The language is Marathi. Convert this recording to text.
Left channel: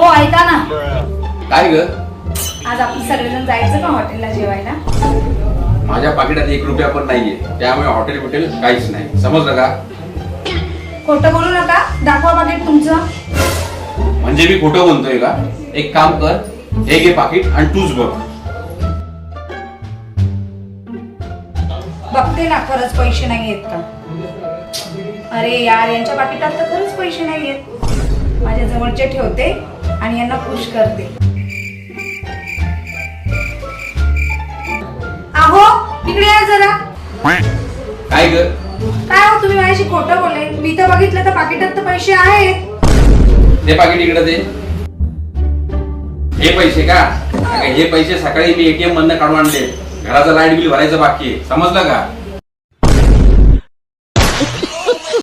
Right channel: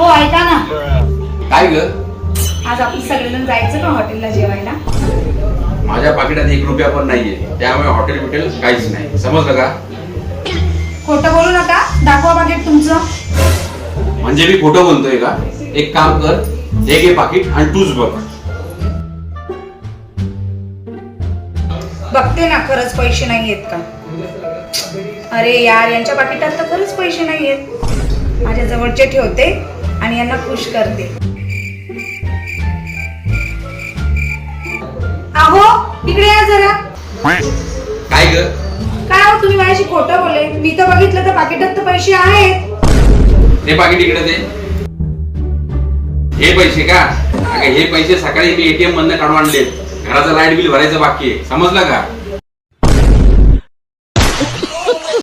हो ऐका ना, काय ग? आज आपण सगळेजण जायचं का हॉटेलला जेवायला? माझ्या पाकिटात 1 रुपया पण नाहीये, त्यामुळे हॉटेल बिटेल काहीच नाही, समजलं का? खोटं बोलू नका, दाखवा पाकिट तुमचं. म्हणजे मी खोटं बोलतोय का? एक काम कर, हे घे पाकिट आणि तूच बघ. बघते ना खरंच पैसे नाही आहेत का. अरे यार, यांच्या पाकिटात तर खरंच पैसे नाही आहेत. माझ्या जवळचे ठेवते आणि यांना खुश करते. अहो तिकडे या जरा. काय ग? काय हो, तुम्ही माझ्याशी खोटं बोलले. मी तर बघितलं तर पाकिटात तर पैसे आहेत. हे पाकिट इकडे दे. हे पैसे का? अगं, हे पैसे सकाळी मी ATM मधनं काढून आणले. घराचं लाईट बिल भरायचं बाकी आहे, समजलं का?